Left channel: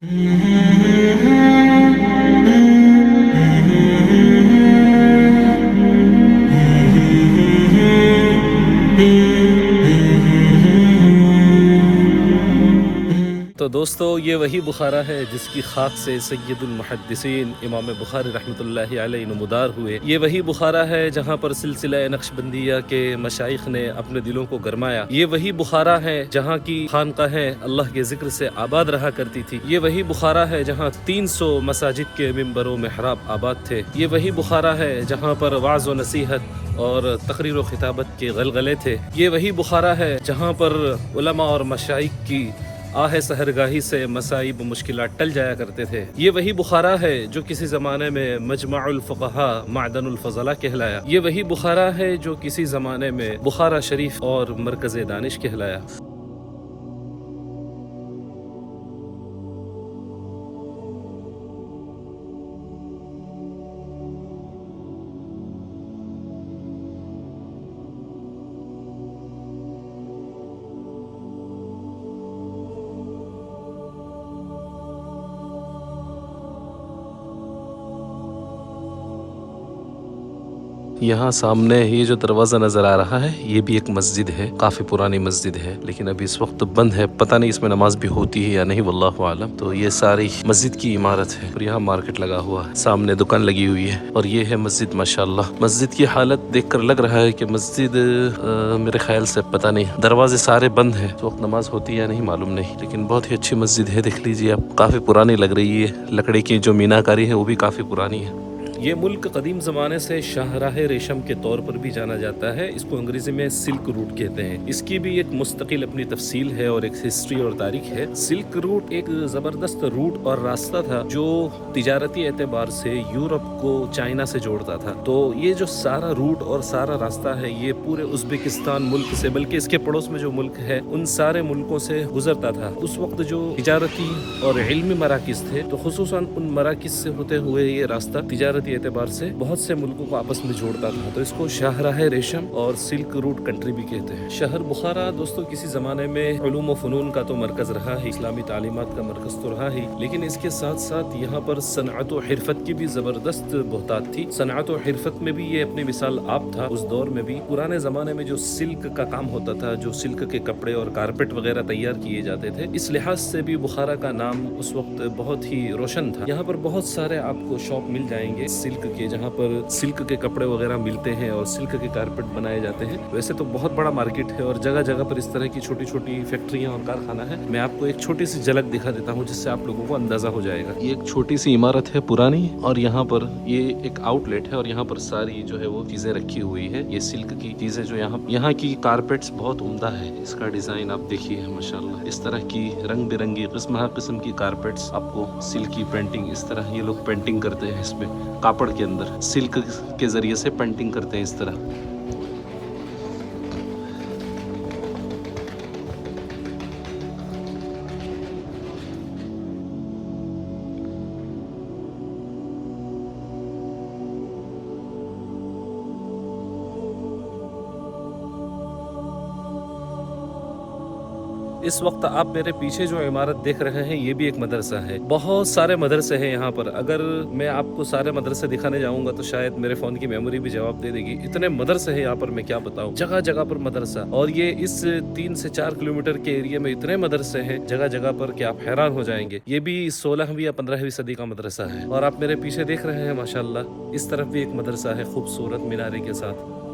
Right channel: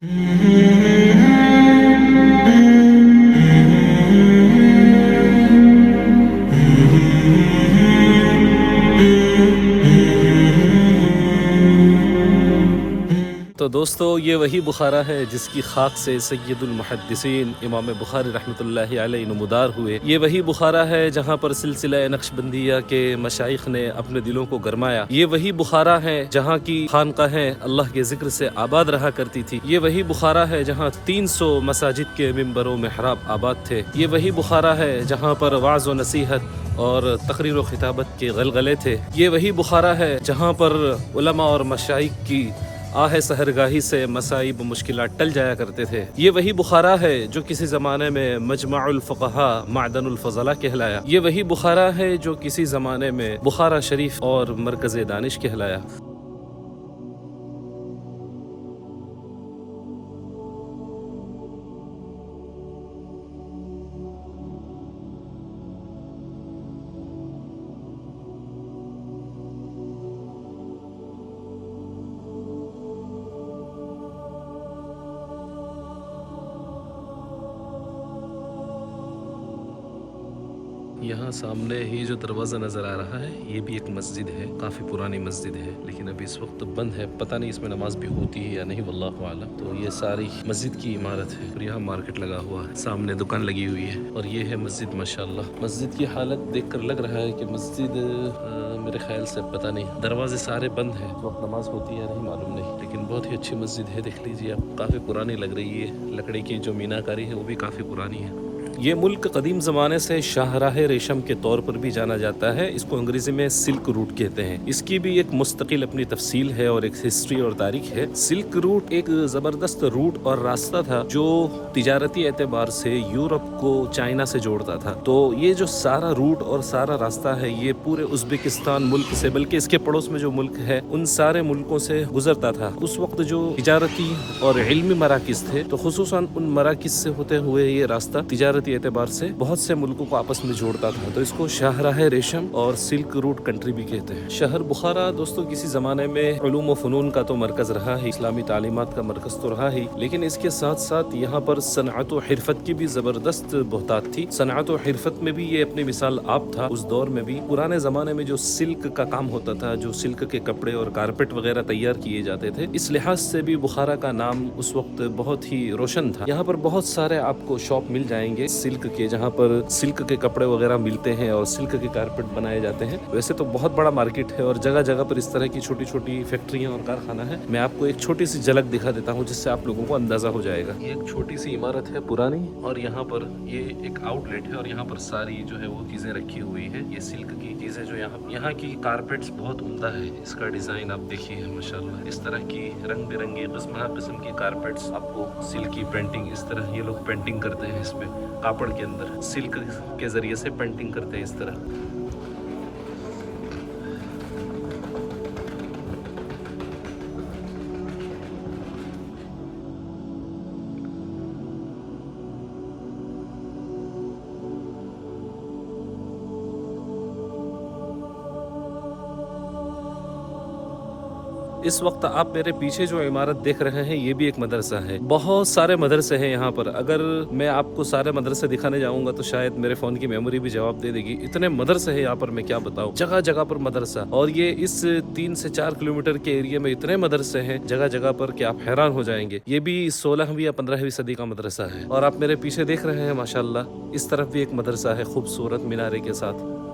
तो दोस्तों, ये वही बुखारा है जिसकी खाक से सैयदुल मुहद्दिसीन इमाम बुखारी रहमतुल्लाहि अलैहि नमुदार हुए। ये वही बुखारा है जहाँ पर सिलसिला नक्शबंदिया के मशाइख ने अपने दिलों को गरमाया। ये वही बुखारा है जहाँ की खानकाहें अल्लाह के जिक्र से आबाद रहा करती थी। ये वही बुखारा है जहाँ 300 मसाजिद के मिंबरों में हराब आबाद थे। ये वही बुखारा है जहाँ पर वाज़ व नसीहत और तकरीर व खिताबत के गलगले थे। ये वही बुखारा है जहाँ पर उलमा और मशाइख की आह सहरगाही से मसाइब मुश्किलात टल जाया करते थे। ये वही बुखारा है जो किसी ज़माने में मजमाउल फुक़हा मादनुल फ़ज़ला कहलाया। ये वही बुखारा है जो किसी ज़माने में बुखारा शरीफ और मरकज़ दानिश कहलाया। यहाँ सामने ये जो दरवाज़ा नज़र आ रहा है, ये भी एक मस्जिद है। काफ़ी पुरानी मस्जिद है, लेकिन अभी इस वक्त बंद है। पता नहीं इसमें नमाज भी होती है या नहीं, वल्लाहु आलम। तो ये सारी मस्जिद की इमारत है और यहाँ मार्केट लगा हुआ है, सामने दुकान लगी हुई है और ये है मस्जिद। माशाल्लाह, मस्जिद की हालत देखकर लग रहा है कि मस्जिद मेरे ख्याल से पता नहीं, दरवाजे सारे बंद हैं, तो वक्त नमाज होती है या नहीं मालूम नहीं, लेकिन बहुत ही अच्छी मस्जिद है। देख लीजिए आप, काफ़ी पुरानी लग रही है। लकड़ी की जो मीनाकारी है वो भी काफ़ी पुरानी है। ये मुल्क कदीम ज़माने से शाहराह रेशम के तौर पर भी जाना जाता है। इसको अंग्रेज़ी में सिल्क रूट कहते हैं। इसकी भी एक मुस्तकिल अपनी तफसील है और एक हिस्ट्री और तारीख है। सिल्क रूट एक ज़बरदस्त रूट और रास्ता था जो तिजारती एतबार से यूरोप को चाइना से जोड़ता था। तो ये जो सारा रूट और सारा रास्ता है, ये पूरे उज़्बेकिस्तान मुल्क से, बल्कि इसके पड़ोस में जो मुल्क है उन सारे मुल्कों से गुजरता था। उस वक्त जो तिजारती और इल्मी मराकिज़ थे, तो खुसूसन उन मराकिज़ से होते हुए ये रास्ता तिजारती एतबार से बहुत से मुल्कों को आपस में जोड़ता था। तो इसको शाहराह रेशम और सिल्क रूट कंट्री भी कहते हैं। शहर बुखारा दोस्तों किसी ज़माने में उलूम व फ़नून का तो मरकज़ रहा है, इस्लामी तालीमात का मरकज़ तो रहा है, लेकिन इसके साथ साथ यहाँ पर सनअत व हिरफत की भी ज़बरदस्त बहुतात थी। सनअत व हिरफत में भी ये अपनी मिसाल आप था। उस दौर में भी पुराने ज़माने में जो सिल्क का काम होता था, जो सिल्क के कपड़े और कारपेट वगैरह तैयार किए जाते थे, इस लिहाज से भी बुखारा का नाम उस वक्त बहुत ही रोशन था। यहाँ पर बहुत सारे आपको शॉप मिल जाएंगे सिल्क के, जहाँ पर सिल्क के कपड़े वगैरह मिलते हैं और सिल्क के कारपेट बनाए जाते हैं। वैसे तो बहुत बड़ा मार्केट है और जगह जगह पर इस तरह की छोटी छोटी फैक्ट्रियाँ और कारखाना है। मैं आपको एक छोटी सी झलक दिखा देता हूँ जिससे आप लोगों को अंदाजा हो जाएगा। ये एक छोटी सी इमारत है पुरानी और यहाँ पर ये एक आउटलेट है और यहाँ पर सारी जो है वो चीजें रखी हुई है। ये सिल्क की चीजें जो यहाँ की कारपेट्स बहुत उम्दा है। इसका डिजाइन आप देखिए माशाल्लाह, इस तरह की रंग बिरंगी किस्म की कारपेट्स, आपको सिल्क की पेंटिंग, इस तरह ये लोग पेंटिंग करते हैं इसमें कापड़ के अंदर, सिल्क के जरिए से पेंटिंग करते हैं इस तरह। इस वक्त आप मेरे पीछे जो इमारत देख रहे हैं, ये भी एक मदरसा है। बहुत सारे मदरसे हैं यहाँ पर। अगर मैं आपको सारे मदरसे दिखाने जाऊंगा तो शायद मेरे फोन की मेमोरी भी जवाब दे देगी। इतने मदरसे हैं यहाँ पर, मैं क्या बताऊँ। जगह जगह पर मदरसा, और ये इस 3 से 4 किलोमीटर के एरिया में इतने मदरसे हैं जगह जगह पर कि आप हैरान हो जाएंगे। ये भी 16वीं या 15वीं सदी का मदरसा है। और आप मेरे पीछे देख रहे हैं माशाल्लाह, इस तरफ भी एक मदरसा है खूबसूरत मीनारे के साथ।